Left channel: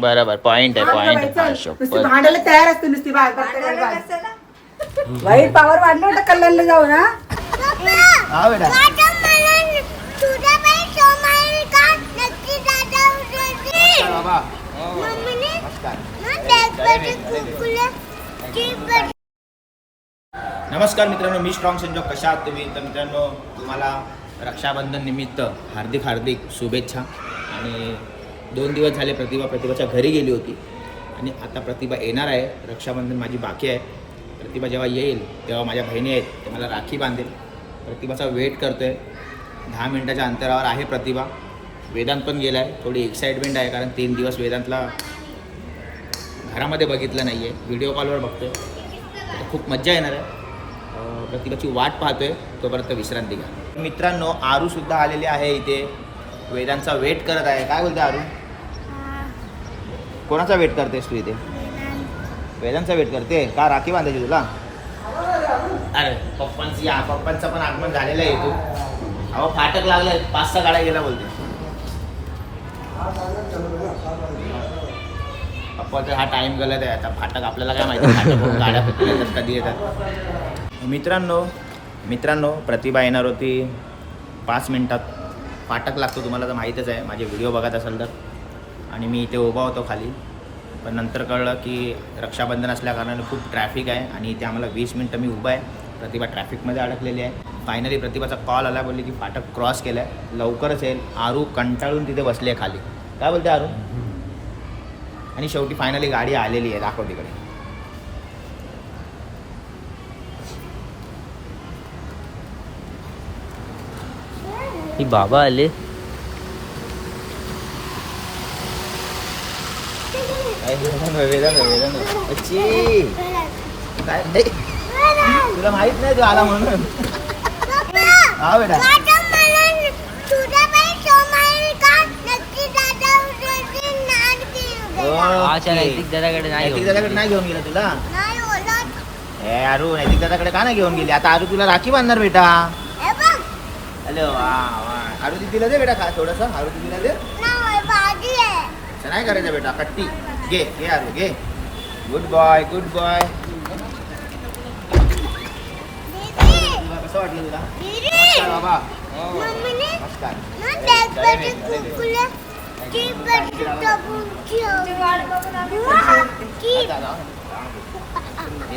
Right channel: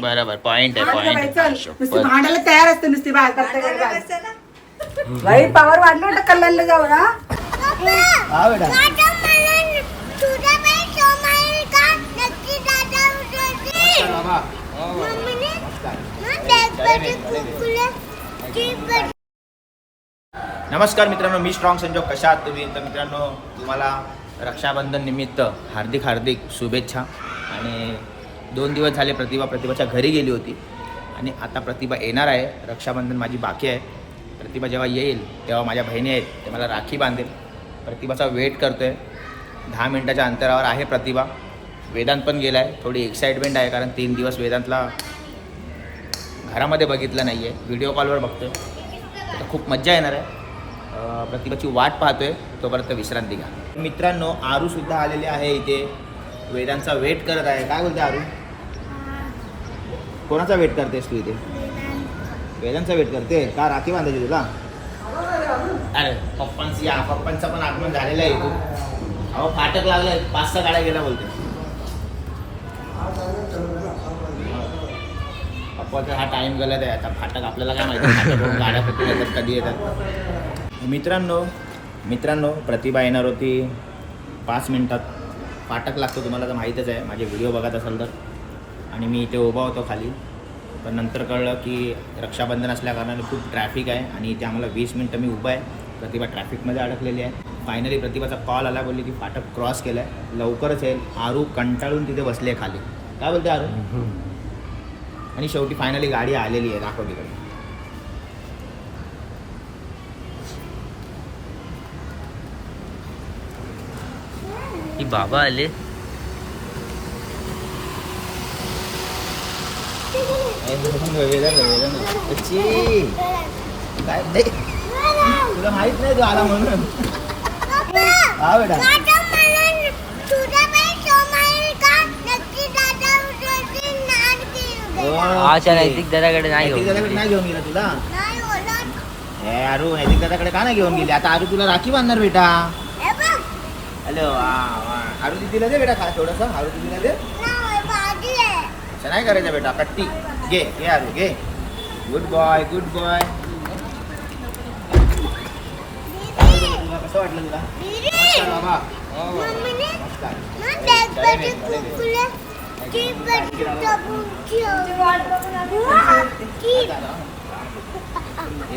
बरोबर पॉइंट आहे पॉइंट. आहे भांडायला तयार असते नुसती बाहेर. बाई पावर वाढलं वाटतं कल्याणला जाऊ ना हा बेटा. बाबा. नमस्कार. मित्रांनो मी स्ट्रॉंग संजोग. कशा आहात तुम्ही? तर मित्रांनो तुम्हाला रक्षाबंधन निमित्त हार्दिक हार्दिक शुभेच्छा. आणि दोन दिवस झाले प्रतिभा प्रतिभाच्या घरी गेली होती. आणि आता प्रतिभा येणार आहे. रक्षाबंधन माझी बाकी आहे. प्रतिभा जेव्हा येईल तेव्हा माझ्या बहिणी आहेत ते मला राखी बांधेल. प्रतिभाचा वेट करतो आहे दहा मिनटाच्या अंतरावर आहे प्रतिभा. वेदांत पण गेला आहे थोडी एक्साइटमेंट आहे कारण तीन दिवस वेदांतला घरामध्ये बघितलं नाही आहे व्हिडिओ कॉलवर बघतोय. तर खूप मज्जा येणार आहे. प्रतिभाची वाट पाहतोय. तोपर्यंत विश्रांती घ्या. मित्रांनो आरू सुद्धा आलेली आहे इथे. वेदांचा वेट करत आहे. काय बोलते आरू? कोणाचा वेट करतेस तू इथे? वेदांचा वेट करते? का राखी बांधायची तुला? अरे पप्पांची या पण आगमन झालेलं आहे तू अहो फाटक लागलं पाच सहा गाड्या गेला बोलते. पप्पाचा हा टाइम गलत आहे. आता फाटक आपल्याला काय माहिती? फाटक गाड्या कुठून येतात कधी येतात. मित्रांनो मित्रांनो प्रतिभा येणार होती. पाच मिनटात. फाटक लागतो तुम्हाला तर माहीतच आहे. माझे व्हिडिओ बघत असाल तर. आणि मी इथे उभा होतो खाली. पण नंतर कळलं की रक्षाबंधन असल्याकारणाने खूप ट्रॅफिक आहे आणि इथे आम्हाला वीस मिनटं मी उभा आहे. प्रतिभा ट्रॅफिकमध्ये अडकलेली आहे. फायनली प्रतिभाचा कॉल आला बोलली की फाटक क्रॉस केला आहे लवकरच येईल. आरू कंटाळून तिथे बसले खाली. काय बोलते आरू? आणि शेवटी फायनली गाडी आलेली आहे दाखव तिकडे ही बाबा आले अच्छी काय नाही तुला माहीत नाही तू आला म्हणून हा बेटा अच्छा नैतिक दादाकडे नाही नैतिक दादाकडे नाही घेऊन गेला तुला ए अरू नैतिक दादाकडे का नाही घेऊन गेली आता अरू तुला राखी बांधणार बेटा हॅलो वा वा अरू दिदीला दे बेटा खा थोडंसं अरू दिदीला दे नाही करायचं बेटा कट्टी घे घे अरू घे गुड बॉय गुड बॉय कसं वाटलं तुला नमस्कार. बाबा नमस्कार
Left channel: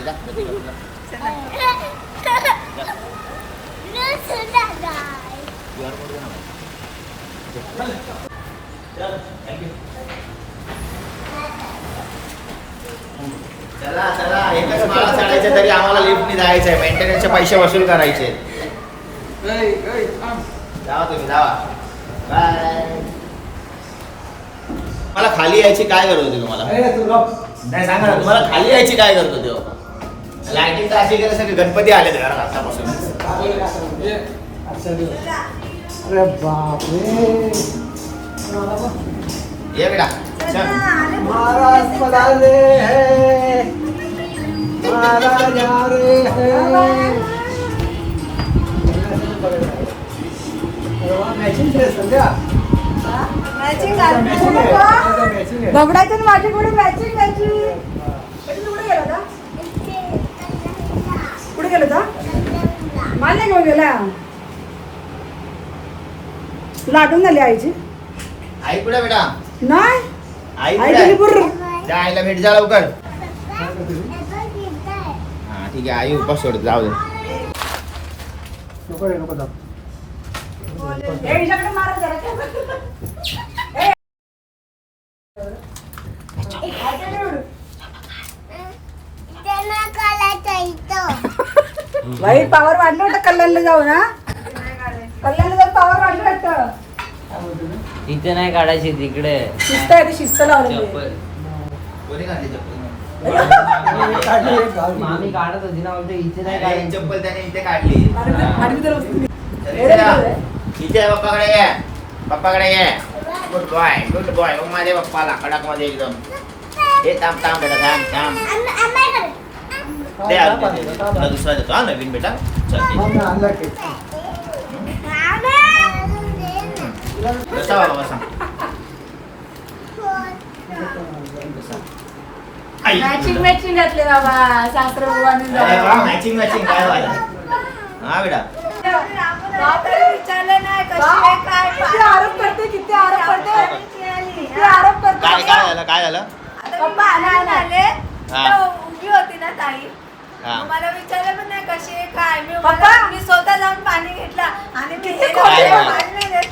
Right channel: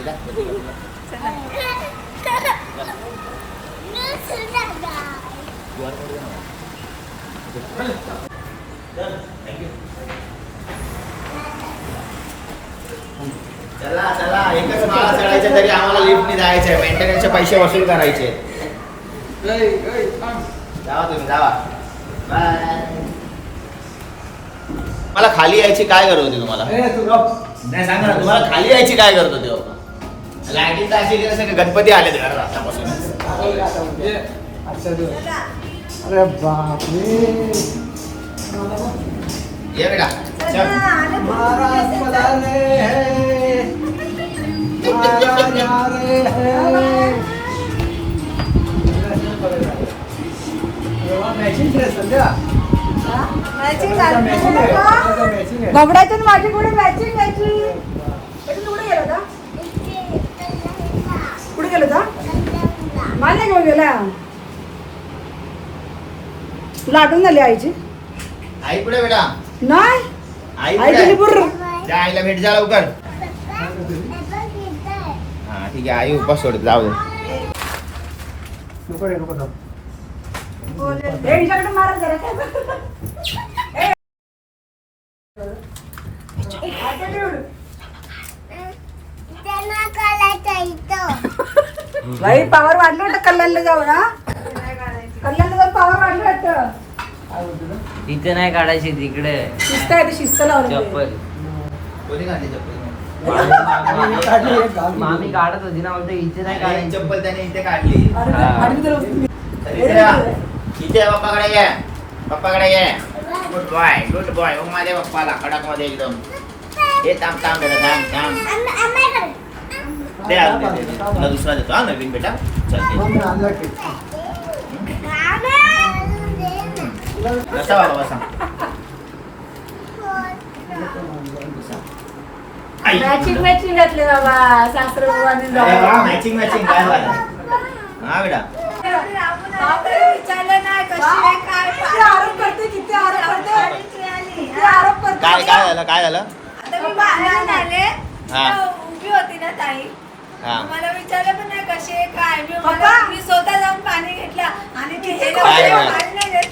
जा, कधी बसला? QR code दे ना मला. चल. चला. एकच माळा चढायचं तरी आम्हाला लिफ्टने जायचं आहे मेंटेनन्सचे पैसे वसूल करायचे. जावा तुम्ही जावा. बाय मला खाली यायची काय गरज होती तुम्हाला? नाही सांगा ना तुम्हाला खाली यायची काय गरज होती हो? लाईटिंग तर अशी केलं सगळे गणपती आले घरात आतापासून. अरे बापरे. ये बेटा. महाराज पधारे हैं. महाराज आ रहे हैं मॅचिंग ड्रेस संध्या घबडायचं माझी पुढे मॅचिंग मॅचिंग कुठे गेला होता? कुठे गेला होता? मला नाही घेऊन गेला. आठवण झाली आईची. आई कुठे बेटा? नाही. आई त्या आईला भेट जा लवकर. हा ठीक आहे आई उपास सोडत जाऊ दे. जाऊ. हे पावर वाढलं वाटतं कल्याणला जाऊ ना कल्याणला जाऊन पावर वाढलं वाटतं. इथे नाही काढायची तिकडे. शिस्त आहे ती शिस्त लावली चप्पल. कोणी. मामी काढत होती ना म्हणते इथे नाही काढायची. चप्पल त्याने इथे काढली. ते- इथे. इथे पप्पाकडे ये. पप्पाकडे ये. गुड बॉय गुड बॉय मग माझ्या पप्पाला कडकमध्ये एकदम. हे थांब थांब बेटा थांब थांब. दे आज दे, दे, दे. तुला दुसरा देतो हा नवीन बेटा. चल दे. मग आणला केक. कसा बाबा सांग? मॅचिंग मॅचिंग घातले बाबा. सासरे मॅचिंग मॅचिंग काय वाला हा बेटा. विचारलं नाही कशी आहे काय किती आरोप करते किती आरोप करते. किती आरोप करते. काय काय झालं काय झालं? आता मी बाहेरून आले. हा. तर उभी होती ना ताई. हा. मला विचारलं पण नाही कशी आहे काय मी पप्पा. मला मी स्वतः जाऊन पाणी घेतलं. आणि हे काय? पाणी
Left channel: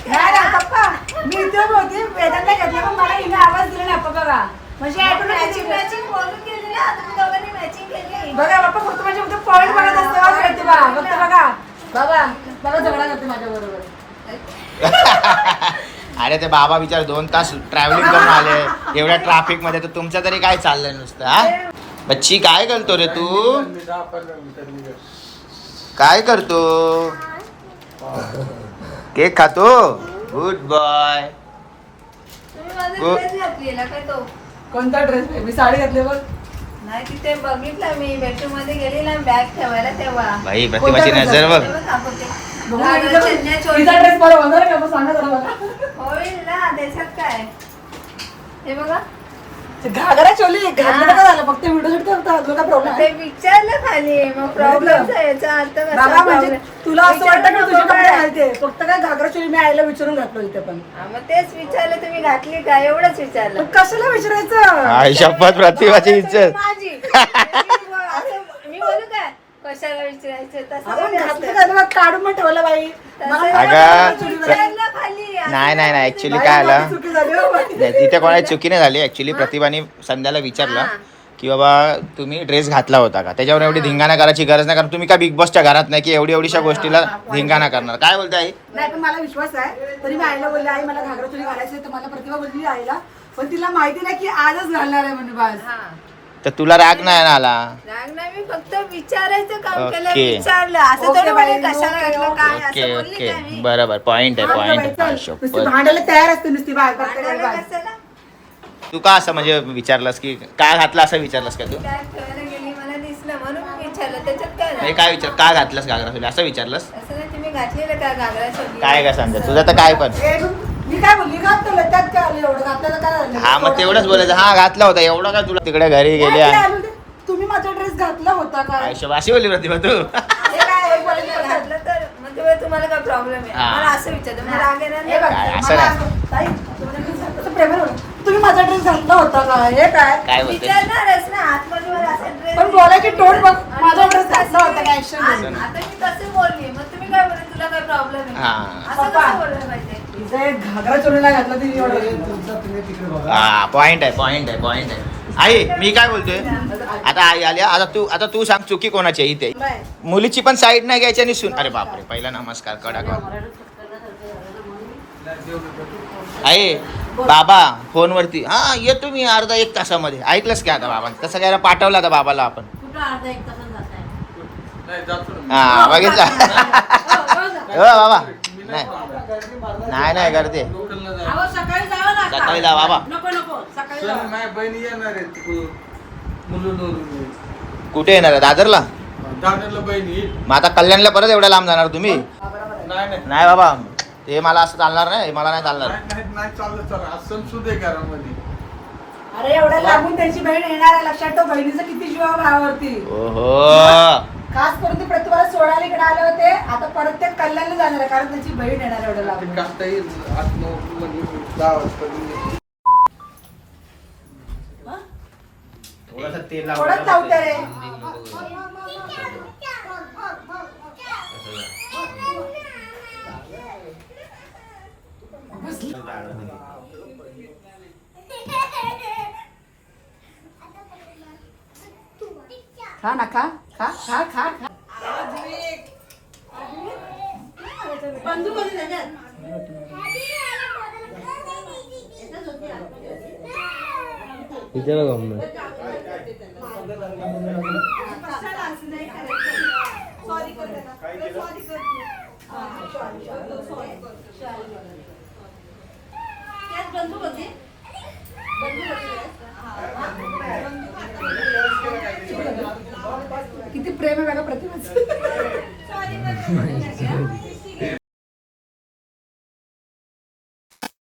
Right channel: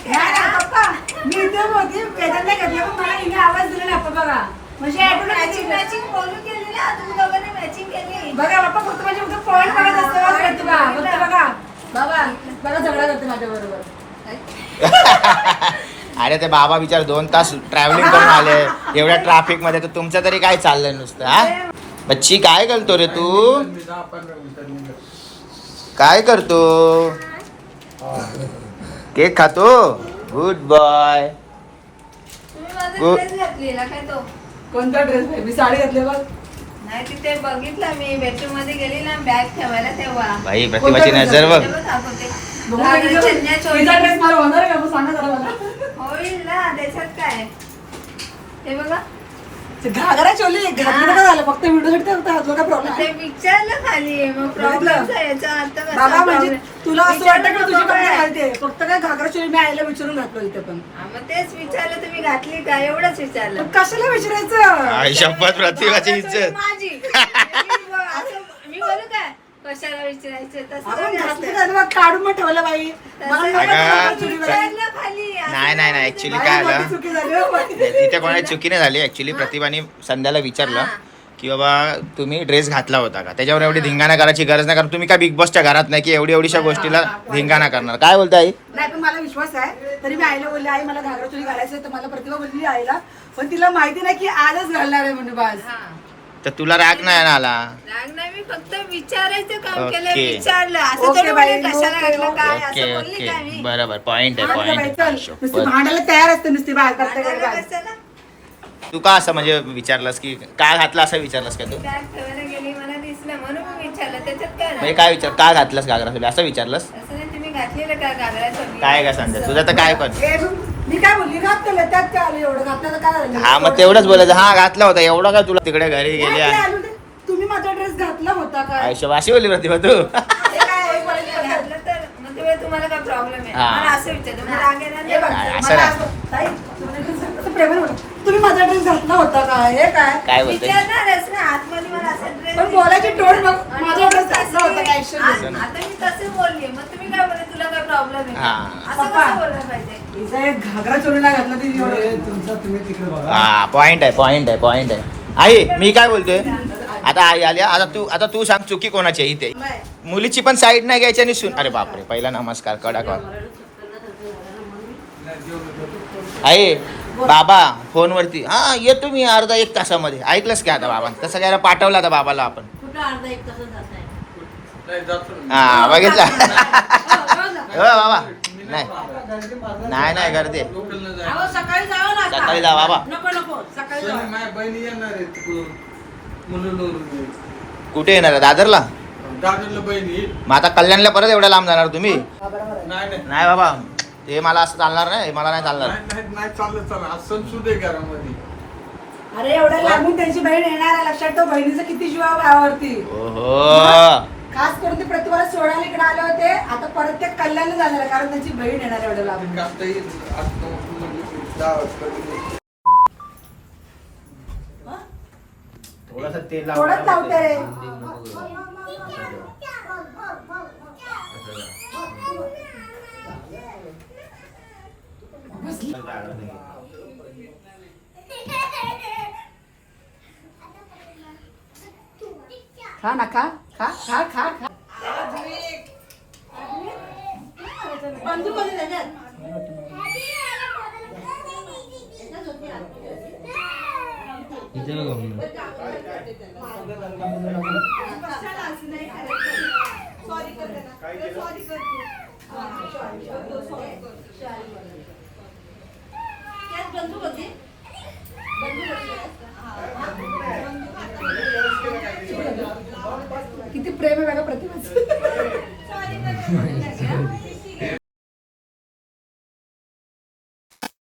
नाही देत नाही, नाही, का? पप्पा, मी इथे होती त्याच्यात नाही घेतलं पण मला हिने आवाज दिला नाही पप्पा बघा. म्हणजे आपण automatic मॅचिंग मॅचिंग बोलून केली ना तुम्ही दोघांनी मॅचिंग केली. बघा बाप्पा फक्त माझ्या फक्त पॉईंट बघत असते बघा. माहिती बा फक्त बघा. बघा बघा झगडा करते माझ्या बरोबर. अरे ते बाबा विचार दोन तास ट्रॅव्हलिंग करून आले. एवढ्या ट्रॅफिकमध्ये तर तुमचं तरी काय चाललंय नुसतं हा? बच्ची काय करतो रे तू? काय करतो? केक खातो? गुड बॉय कोणता ड्रेस मी साडी घातली बघ. नाही तिथे बघितलं मी. बेडरूममध्ये गेली ना बॅग ठेवायला तेव्हा. भाई प्रतिभाची नजर बघ. तिचा. ड्रेस मला होणार का? सांगा जरा मला. होईल ना देशात काय? हे बघा. घागरा चोली का झालं फक्त व्हिडिओ शूट करता तुला काय प्रॉब्लेम ते विचारलं खाली मग प्रॉब्लेम याचा अर्थ कसा बाबा म्हणजे problem? तुला असं वाटतं की तुझे विचारलं कपडे? घालते? फक्त काय घागरा चोली मी आईला विचारून घातलो इथे पण. हा, मग तेच विचारलं तुम्ही घातली का? एवढंच विचारलं. पण कशाला विचारायचं? आई शपथ प्रतिभाची माझी मी बोल- असं- मी बोलू काय? कशाला विचारायचं? तसं आपण नाही घातलं असतं. का मग काढून मग ठेवलं बाई. मला एवढं अगं, घागरा चोली विचारलं खाली. नाही नाही नाही ऍक्च्युली काय आलं? हो. तिथे कोणाची चुकी नाही झाली. ऍक्च्युली प्रतिभाने संध्याला विचारलं की बाबा तुम्ही ड्रेस घातला होता का? त्याच्यावर एवढी धिंगाणा करायची गरज नाही कारण तुम्ही काय बिग बॉसच्या घरात नाही की एवढी एवढीशा गोष्टीला धिंगाणा करणार? काय बोलते आई? नाही पण मला विश्वास आहे. तरी मी आईला बोलले आई मला घागरा चोली घालायचं तर मला प्रतिभा बोलली आईला. पण तिला माहिती नाही की आजच घालणार आहे म्हणजे बस. हा. तर तुला राग नाही ना आला राग नाही मी फक्त विचारायचं काम केलं ओके. विचारलं असं थोडं कशाला ओके, घातलं काय ओके. ओके असं बोलली ओके काय मी? बरोबर पॉइंट आहे पॉइंट नुसती शपथ. भांडायला तयार असते नुसती बाहेर प्रत्येकाला भांडवलं बाहेर. कशाला? तू का असं म्हणजे विचारलंस की काय घातलं असं विचारलंस का तू बॅग ठेवायला गेली मला दिसलं म्हणून मी विचारलं त्याच्यात काय म्हणजे झालं? काय विचार का घातलंस घागरा चोली असं विचारलंस असं नाही तुम्ही घातलेलं का घागरा? काय काय सांगते तुझं तर काय पण ए, मी काय बोलली घातलं त्यात काय आलं एवढं झालं हा मग तेवढंच बोलायचं हा घातला होता एवढं काय तुला तिकडे घरी गेली ते. तुम्ही माझा ड्रेस घातला होता का आयुष्य अशी बोलली प्रतिभा तू काय बोलायचं का? घातलं तर मग तेव्हा तुम्हाला काय प्रॉब्लेम आहे हा. मला असं विचारलं मला राग येणार नाही बघ, का? काय, असं मला नाही. असं- ताई, तुम्ही dress घातला तर प्रेमाने बोला. तुम्ही माझा ड्रेस घातला होता का हे काय काय बोलते विचारणारच ना आतमध्ये मला असं ड्रेस पण बोलायची टोन बघ माझा ड्रेस घातला होता का action मध्ये? आता मी तसे बोलली मग तुम्ही काय बोलले तुला काय प्रॉब्लेम आहे हा. असं पप्पा. कसं बोलायला पाहिजे हा पॉइंट आहे पॉइंट आहे पॉइंट आहे. आई मी काय बोलतोय? आता आई आली आता तू आता तू सांग चुकी कोणाची आहे इथे? मुलीची पण साईड नाही घ्यायची आणि सुन अरे बापरे पहिला नमस्कार कडक. आई बाबा फोनवरती. हा येतो मी अर्धा एक तासामध्ये. ऐकलंस का आता बाबा तसं काय पाठवलं आता बाबाला आपण. हा बघितलं. हो बाबा. नाही. नाही नाही गर्दी. अहो, सकाळी जावं ना आता. सकाळी जा बाबा. नको नको. सकाळी जावं. माझ्या बहिणी येणार आहे तिकडून. मुलुंडवरून कुठे येणार आहे? दादरला? दादरला बहिणी. मग आता कल्याणला परत एवढ्या लांब जाणार तुम्ही? नाही नाही. नाही बाबा. हे मला असं चालणार नाही हे मला नाही चालणार. नाही, नाही नाही चाललं चाललं आज सण सुद्धा आहे घरामध्ये. अरे एवढ्या लागून त्यांची बहीण येणार आहे. लक्षात ठेव बहिणीचं किती जीवा भावावरती ओहो. खास करून ते प्रतिभाला सोडायला इकडे आले होते. आता परत ते कल्याणला जाणार आहे कारण त्यांची बहीण येणार आहे एवढ्या लागून कापता येईल आज नऊ- दहा वाजता म्हणजे. थोडंच लावते रे. खा ना खा. खा खा खा खा. किती प्रेम आहे बघा प्रतिभाचं